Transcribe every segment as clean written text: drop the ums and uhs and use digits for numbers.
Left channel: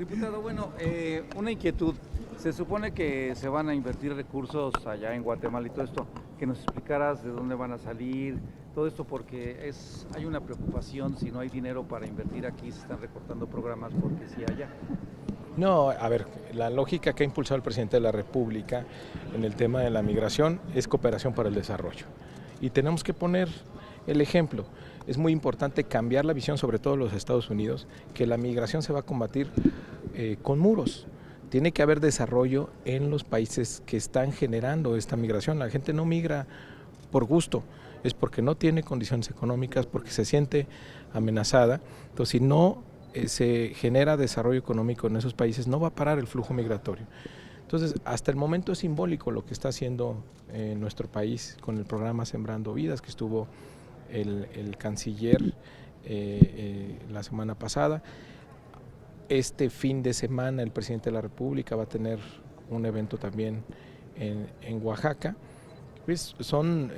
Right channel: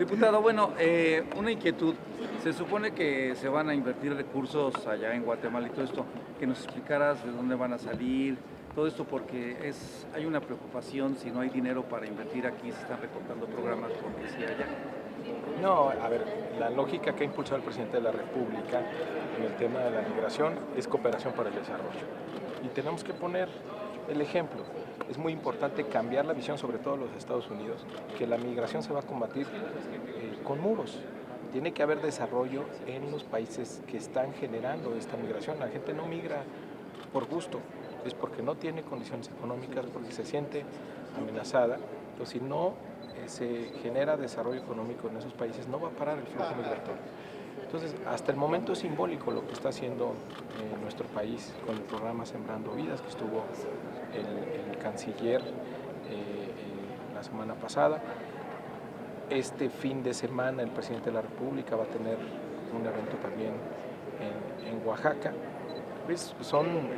Diputado, bueno, una inquietud. Se supone que se van a invertir recursos allá en Guatemala y todo esto. Que nos explicaras de dónde van a salir, todo esto porque hay una preocupación si no hay dinero para invertir aquí, se están recortando programas porque sí allá. No, a ver, la lógica que ha impulsado el presidente de la República en el tema de la migración es cooperación para el desarrollo. Y tenemos que poner el ejemplo. Es muy importante cambiar la visión, sobre todo en los Estados Unidos, que la migración se va a combatir con muros. Tiene que haber desarrollo en los países que están generando esta migración. La gente no migra por gusto, es porque no tiene condiciones económicas, porque se siente amenazada. Entonces, si no se genera desarrollo económico en esos países, no va a parar el flujo migratorio. Entonces, hasta el momento es simbólico lo que está haciendo nuestro país con el programa Sembrando Vidas, que estuvo el canciller la semana pasada. Este fin de semana el presidente de la República va a tener un evento también en Oaxaca. Pues son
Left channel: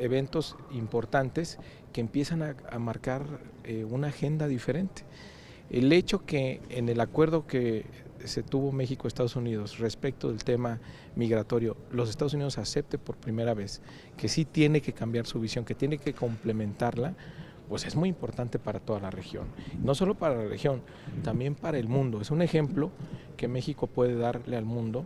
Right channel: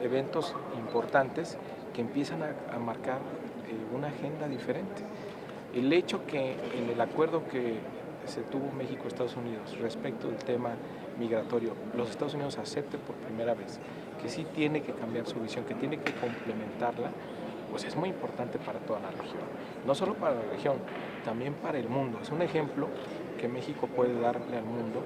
eventos importantes que empiezan a marcar una agenda diferente. El hecho que en el acuerdo que se tuvo México-Estados Unidos respecto del tema migratorio, los Estados Unidos acepte por primera vez que sí tiene que cambiar su visión, que tiene que complementarla, pues es muy importante para toda la región. No solo para la región, también para el mundo. Es un ejemplo que México puede darle al mundo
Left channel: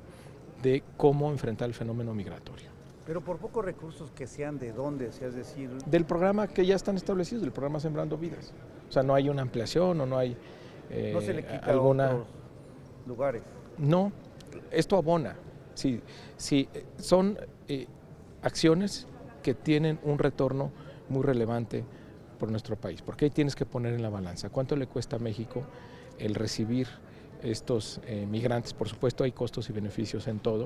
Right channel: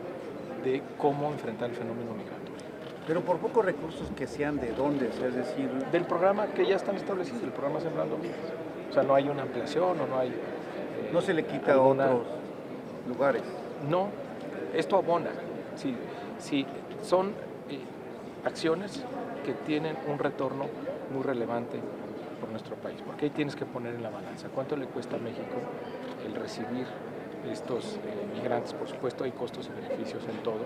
de cómo enfrentar el fenómeno migratorio. Pero por pocos recursos que sean de dónde, o sea, es decir... Del programa que ya están establecidos, el programa Sembrando Vidas. O sea, no hay una ampliación o no hay... no se le quita a otros lugares. No, esto abona. Sí, sí, son acciones que tienen un retorno muy relevante por nuestro país, porque ahí tienes que poner en la balanza cuánto le cuesta a México el recibir estos migrantes. Por supuesto hay costos y beneficios en todo,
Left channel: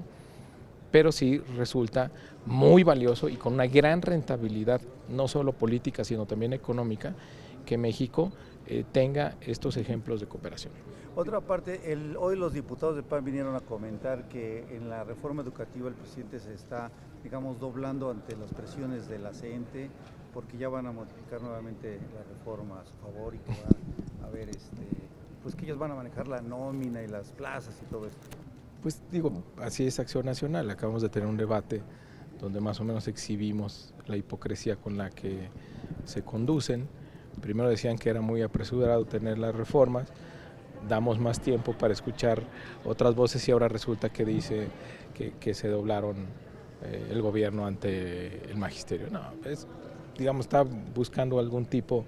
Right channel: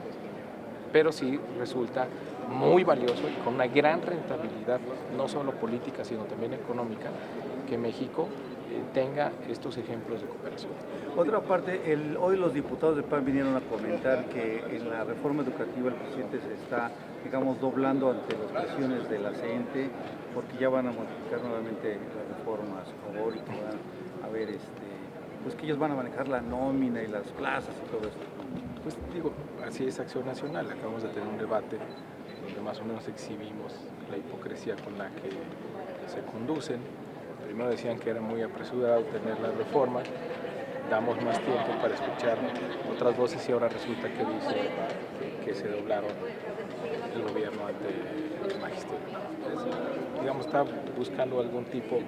pero sí resulta muy valioso y con una gran rentabilidad, no solo política, sino también económica, que México tenga estos ejemplos de cooperación. Otra parte, hoy los diputados del PAN vinieron a comentar que en la reforma educativa el presidente se está, digamos, doblando ante las presiones de la CENTE, porque ya van a modificar nuevamente la reforma a su favor y que va a haber, pues que ellos van a manejar la nómina y las plazas y todo esto. Pues digo, así es Acción Nacional. Acabamos de tener un debate donde más o menos exhibimos la hipocresía con la que se conducen. Primero decían que era muy apresurado tener la reforma, damos más tiempo para escuchar otras voces y ahora resulta que dice que se doblaron el gobierno ante el magisterio. No, digamos, está buscando algún tipo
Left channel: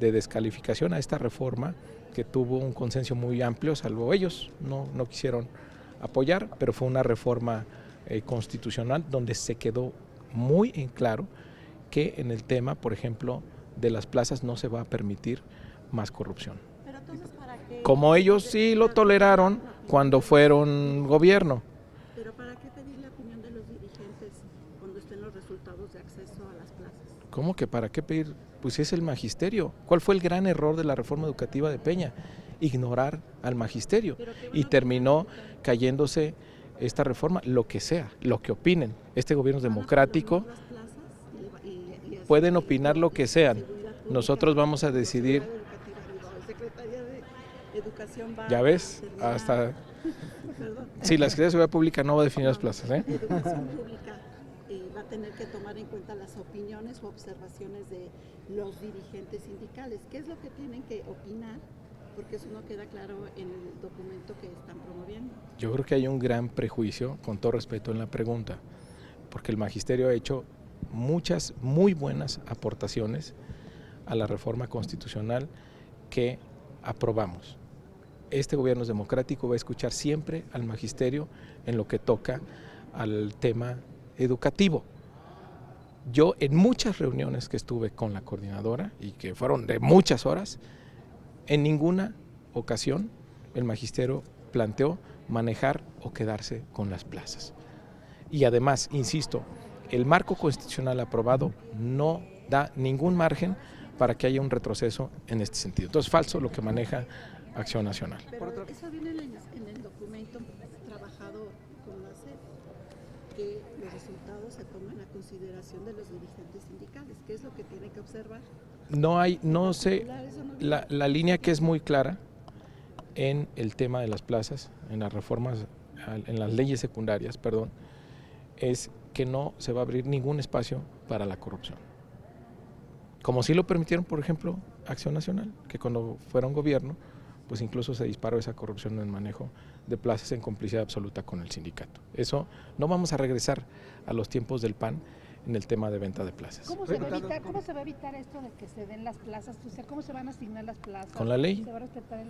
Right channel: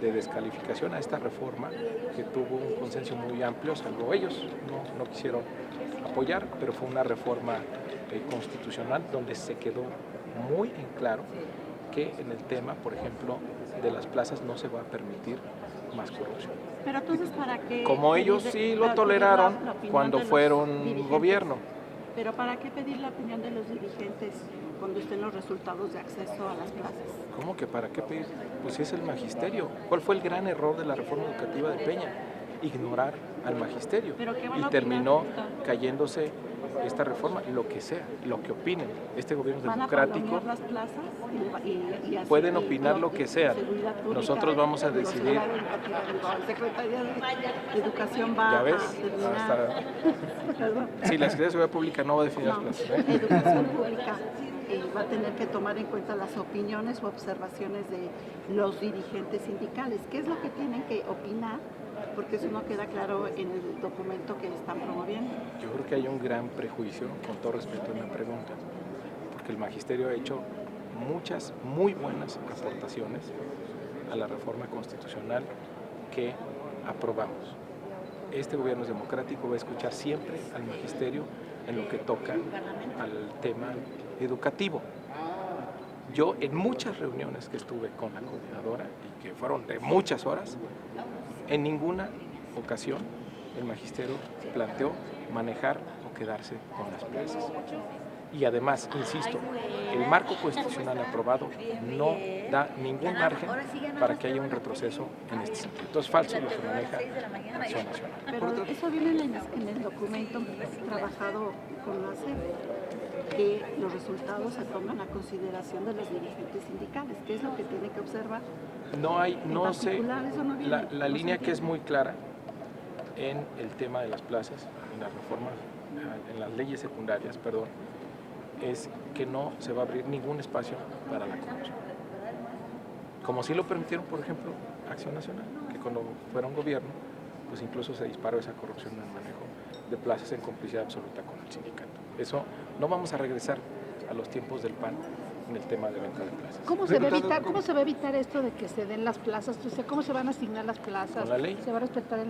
de descalificación a esta reforma que tuvo un consenso muy amplio, salvo ellos no quisieron apoyar, pero fue una reforma constitucional donde se quedó muy en claro que en el tema, por ejemplo, de las plazas no se va a permitir más corrupción. Pero entonces, ¿para qué? Como ellos sí lo toleraron cuando fueron gobierno. Pero ¿para qué pedir la opinión de los dirigentes cuando estén los resultados de acceso a las plazas? ¿Cómo que para qué pedir? Pues es el magisterio. ¿Cuál fue el gran error de la reforma educativa de Peña? Ignorar al magisterio. Y terminó cayéndose esta reforma, lo que sea, lo que opinen. Este gobierno es democrático. Las plazas y pueden opinar lo que sean. Nosotros vamos a decidir. Secretaría de Educación va ¿Ya ves? Sí, la Secretaría de Seguridad Pública no va a definir las plazas. Educación Pública va a tener que tomar en cuenta las opiniones o observaciones de los dirigentes sindicales. ¿Qué es lo que tienen que opinar? Porque eso no queda claro en el documento que están promoviendo. Yo creo que hay un gran prejuicio, con todo respeto en la pregunta, porque el magisterio ha hecho muchas muy buenas aportaciones a la reforma constitucional que aprobamos. Este gobierno es democrático, va a escuchar siempre al magisterio en lo que toca al tema educativo. Yo en muchas reuniones que estuve con la coordinadora y que fueron de muchas horas, en ninguna ocasión el magisterio planteó manejar o quedarse con las plazas. Y además, insisto, el marco constitucional aprobado no da ningún margen para que haya un retroceso en este sentido. Entonces, falso lo que maneja Acción Nacional. Pero eso viene en el documento trabajado con la SEP, que los resultados se toman a consideración de los dirigentes sindicales. ¿Qué es lo que tienen que observar? No sé, la línea que es muy clara en el tema de las plazas, en las reformas, en las leyes secundarias, perdón, es que no se va a abrir ningún espacio para la corrupción. Como sí lo permitieron, por ejemplo, Acción Nacional, que cuando fuera un gobierno, pues incluso se disparó esa corrupción en el manejo de plazas en complicidad absoluta con el sindicato. Eso no vamos a regresar a los tiempos del PAN en el tema de venta de plazas. ¿Cómo se va a evitar esto de que se den las plazas? O sea, ¿cómo se van a asignar las plazas? Con la ley. ¿Se va a respetar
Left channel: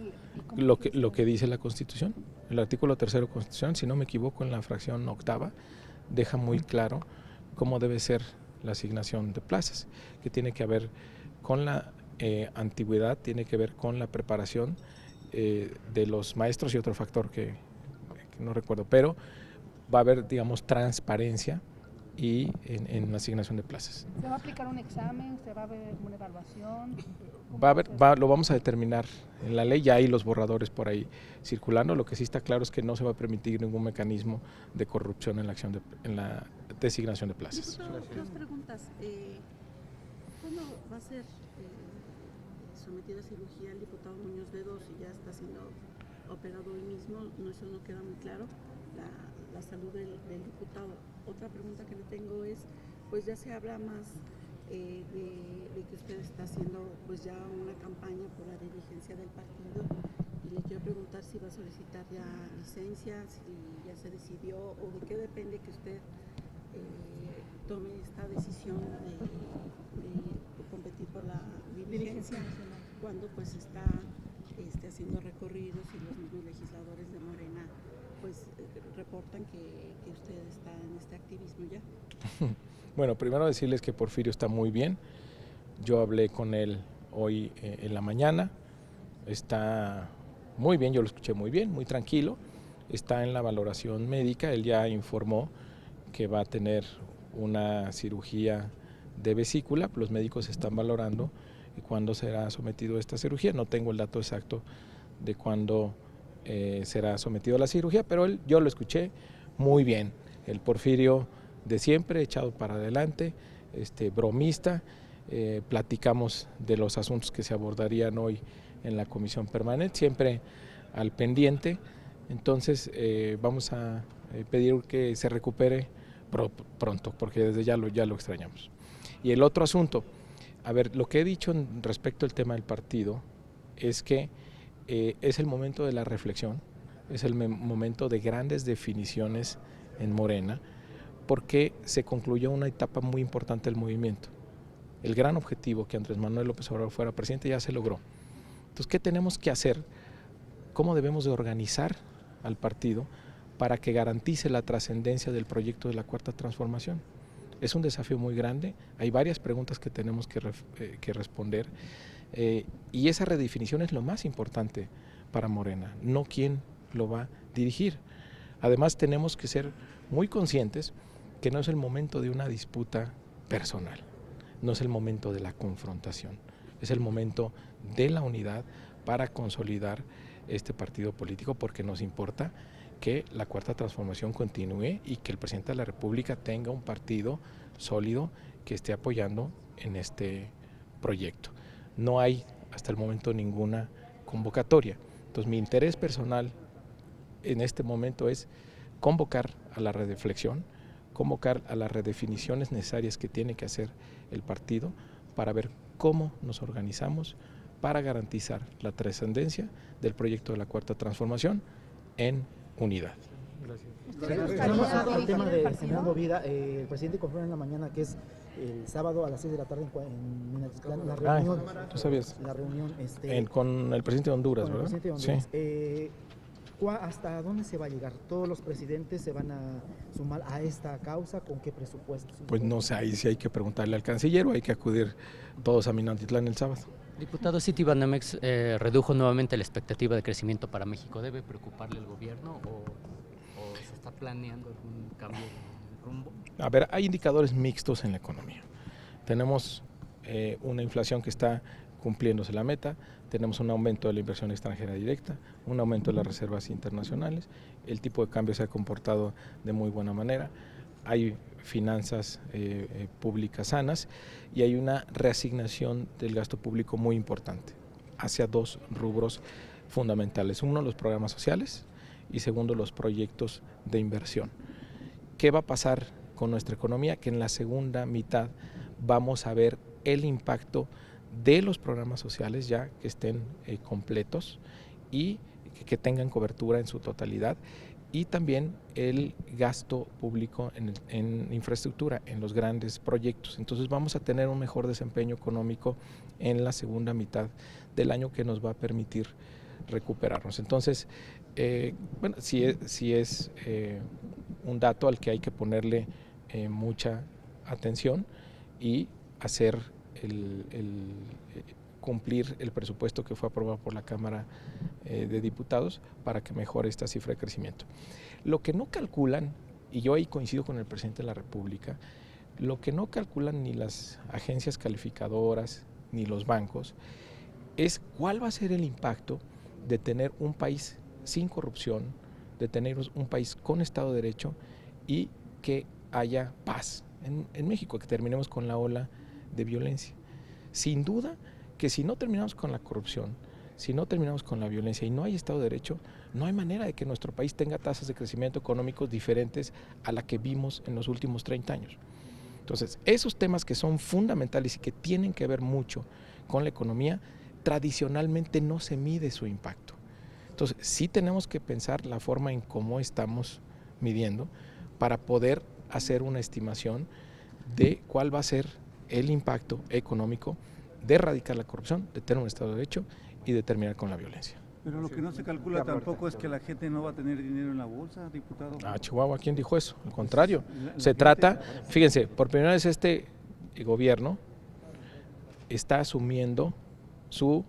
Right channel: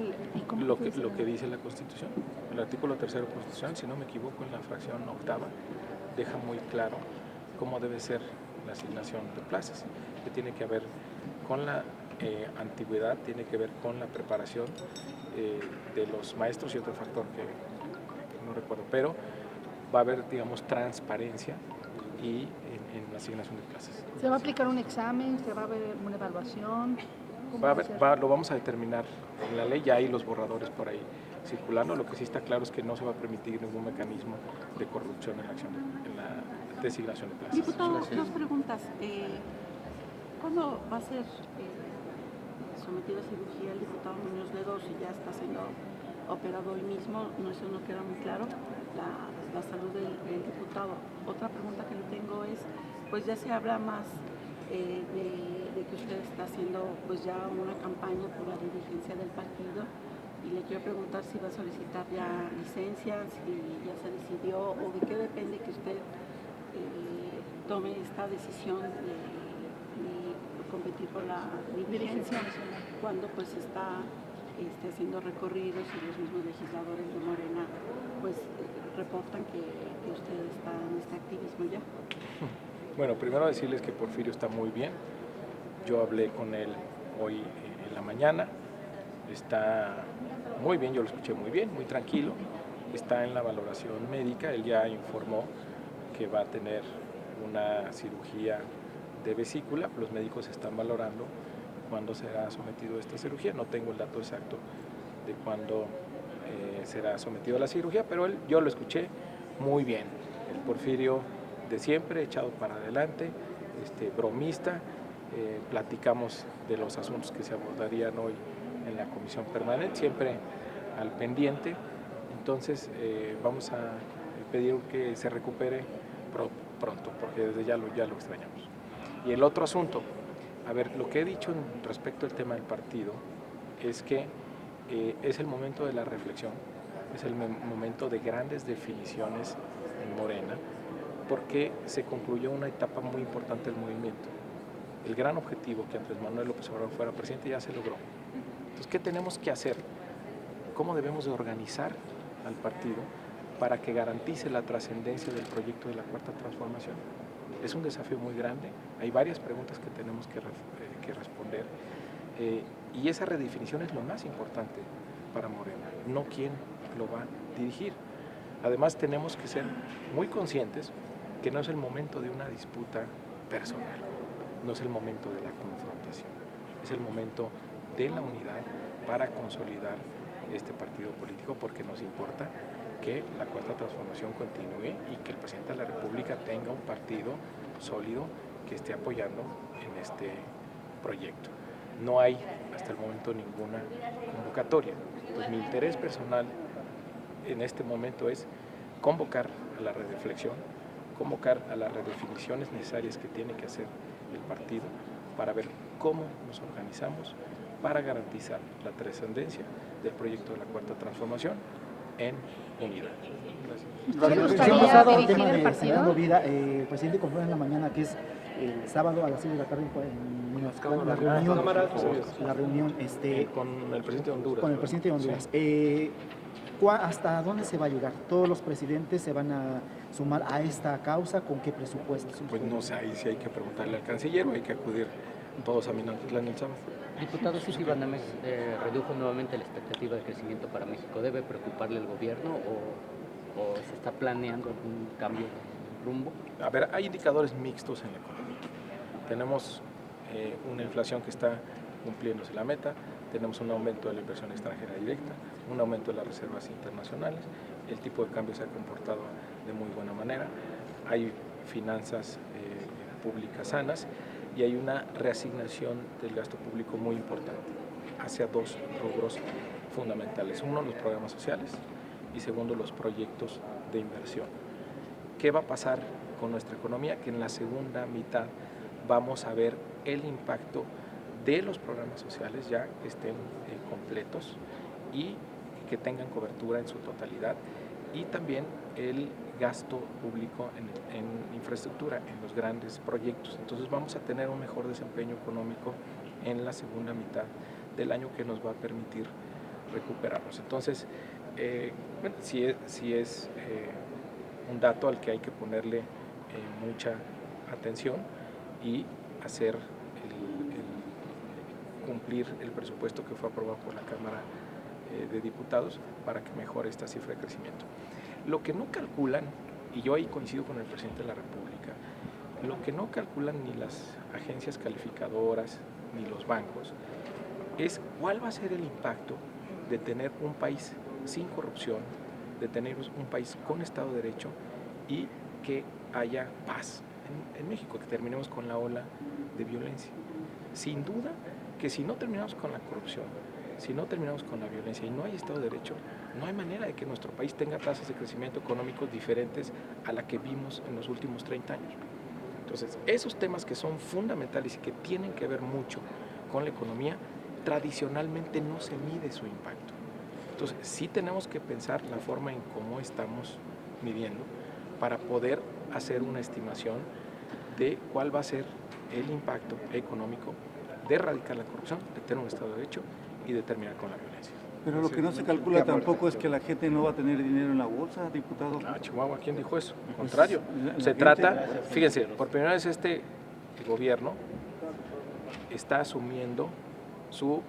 lo que dice la Constitución? El artículo 3 de la Constitución, si no me equivoco, en la fracción 8ª, deja muy claro cómo debe ser la asignación de plazas, que tiene que ver con la antigüedad, tiene que ver con la preparación de los maestros y otro factor que no recuerdo, pero va a haber, digamos, transparencia y en la asignación de plazas. ¿Se va a aplicar un examen? ¿Se va a haber una evaluación? Lo vamos a determinar en la ley, ya hay los borradores por ahí circulando. Lo que sí está claro es que no se va a permitir ningún mecanismo de corrupción en la designación de plazas. Diputado, dos preguntas. ¿Cuándo va a ser sometido a cirugía el diputado Muñoz Ledo, si ya está siendo operado hoy mismo? No, eso no queda muy claro, la salud del diputado. Otra pregunta que le tengo es, pues ya se habla más de que usted está haciendo pues ya una campaña por la dirigencia del partido, y le quiero preguntar si va a solicitar ya licencia, si ya se decidió, o de qué depende que usted tome esta decisión de competir por la dirigencia, cuando pues está haciendo recorridos y los mismos legisladores de Morena pues reportan que usted está en este activismo ya. Bueno, primero decirles que Porfirio está muy bien. Yo hablé con él hoy en la mañana, está muy bien, yo lo escuché muy bien, muy tranquilo, está en la valoración médica. Él ya informó que va a tener una cirugía de vesícula. Los médicos están valorando cuándo será sometido a esta cirugía. No tengo el dato exacto de cuándo será sometido a la cirugía, pero yo lo escuché muy bien. El Porfirio de siempre, echado para adelante, bromista. Platicamos de los asuntos que se abordarían hoy en la comisión permanente, siempre al pendiente. Entonces vamos a pedir que se recupere pronto, porque desde ya lo extrañamos. Y el otro asunto, a ver, lo que he dicho respecto al tema del partido es que es el momento de la reflexión, es el momento de grandes definiciones en Morena, porque se concluyó una etapa muy importante del movimiento. El gran objetivo, que Andrés Manuel López Obrador fuera presidente, ya se logró. Entonces, ¿qué tenemos que hacer? ¿Cómo debemos de organizar al partido para que garantice la trascendencia del proyecto de la Cuarta Transformación? Es un desafío muy grande, hay varias preguntas que tenemos que responder, y esa redefinición es lo más importante para Morena, no quién lo va a dirigir. Además, tenemos que ser muy conscientes que no es el momento de una disputa personal, no es el momento de la confrontación, es el momento de la unidad para consolidar este partido político, porque nos importa que la Cuarta Transformación continúe y que el presidente de la República tenga un partido sólido que esté apoyando en este proyecto. No hay hasta el momento ninguna convocatoria. Entonces, mi interés personal en este momento es convocar a la reflexión, convocar a las redefiniciones necesarias que tiene que hacer el partido para ver cómo nos organizamos para garantizar la trascendencia del proyecto de la Cuarta Transformación en unidad. Gracias. El tema de Señora Movida, el presidente confirmó en la mañana que es el sábado a las 6 de la tarde en la reunión. La reunión con el presidente de Honduras. Con el presidente de Honduras. Sí. ¿Hasta dónde se va a llegar? ¿Todos los presidentes se van a sumar a esta causa? ¿Con qué presupuesto? Pues no sé, ahí sí hay que preguntarle al canciller, o hay que acudir todos a Minatitlán el sábado. Diputado, Citibanamex redujo nuevamente la expectativa de crecimiento para México. ¿Debe preocuparle el gobierno o se está planeando algún cambio de rumbo? A ver, hay indicadores mixtos en la economía. Tenemos una inflación que está cumpliéndose la meta, tenemos un aumento de la inversión extranjera directa, un aumento de las reservas internacionales, el tipo de cambio se ha comportado de muy buena manera, hay finanzas públicas sanas y hay una reasignación del gasto público muy importante hacia dos rubros fundamentales. Uno, los programas sociales y segundo, los proyectos de inversión. ¿Qué va a pasar con nuestra economía? Que en la segunda mitad vamos a ver el impacto de los programas sociales ya que estén completos y que tengan cobertura en su totalidad, y también el gasto público en infraestructura, en los grandes proyectos. Entonces vamos a tener un mejor desempeño económico en la segunda mitad del año que nos va a permitir recuperarnos. Entonces, bueno, sí es un dato al que hay que ponerle mucha atención y hacer cumplir el presupuesto que fue aprobado por la Cámara de Diputados para que mejore esta cifra de crecimiento. Lo que no calculan, y yo ahí coincido con el presidente de la República, lo que no calculan ni las agencias calificadoras ni los bancos es cuál va a ser el impacto de tener un país sin corrupción, de tener un país con Estado de Derecho y que haya paz en México, que terminemos con la ola de violencia. Sin duda que si no terminamos con la corrupción, si no terminamos con la violencia y no hay Estado de Derecho, no hay manera de que nuestro país tenga tasas de crecimiento económico diferentes a la que vimos en los últimos 30 años. Entonces, esos temas que son fundamentales y que tienen que ver mucho con la economía, tradicionalmente no se mide su impacto. Entonces, sí tenemos que pensar la forma en cómo estamos midiendo para poder hacer una estimación de cuál va a ser el impacto económico de erradicar la corrupción, de tener un Estado de Derecho y de terminar con la violencia. Pero lo que no se calcula tampoco es que la gente no va a tener dinero en la bolsa, diputado. Chihuahua, ¿quién dijo eso? Al contrario, se trata, fíjense, por primera vez este gobierno está asumiendo su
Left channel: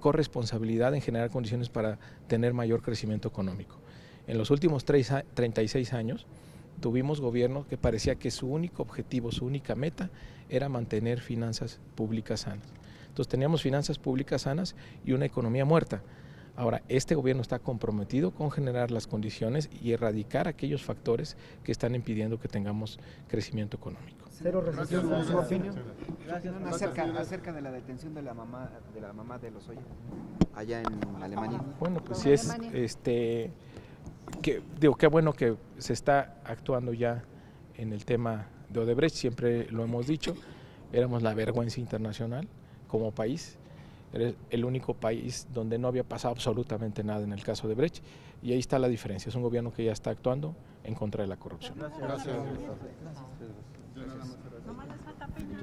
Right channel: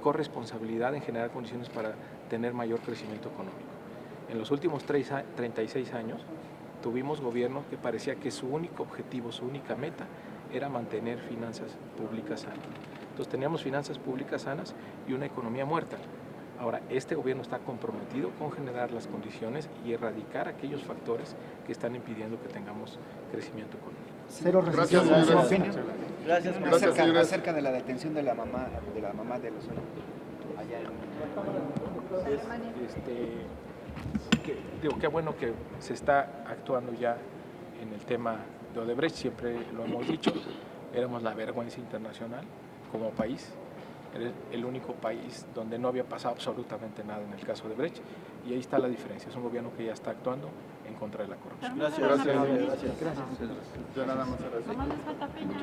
corresponsabilidad en generar condiciones para tener mayor crecimiento económico. En los últimos 36 años tuvimos gobierno que parecía que su único objetivo, su única meta era mantener finanzas públicas sanas. Entonces teníamos finanzas públicas sanas y una economía muerta. Ahora, este gobierno está comprometido con generar las condiciones y erradicar aquellos factores que están impidiendo que tengamos crecimiento económico. Cero recesión, en su opinión. Gracias, acerca de la detención de la mamá de Lozoya allá en Alemania. Bueno, pues sí es, qué bueno que se está actuando ya en el tema de Odebrecht, siempre lo hemos dicho, éramos la vergüenza internacional como país, era el único país donde no había pasado absolutamente nada en el caso de Odebrecht, y ahí está la diferencia, es un gobierno que ya está actuando en contra de la corrupción. Gracias. ¿Cómo les falta Peña?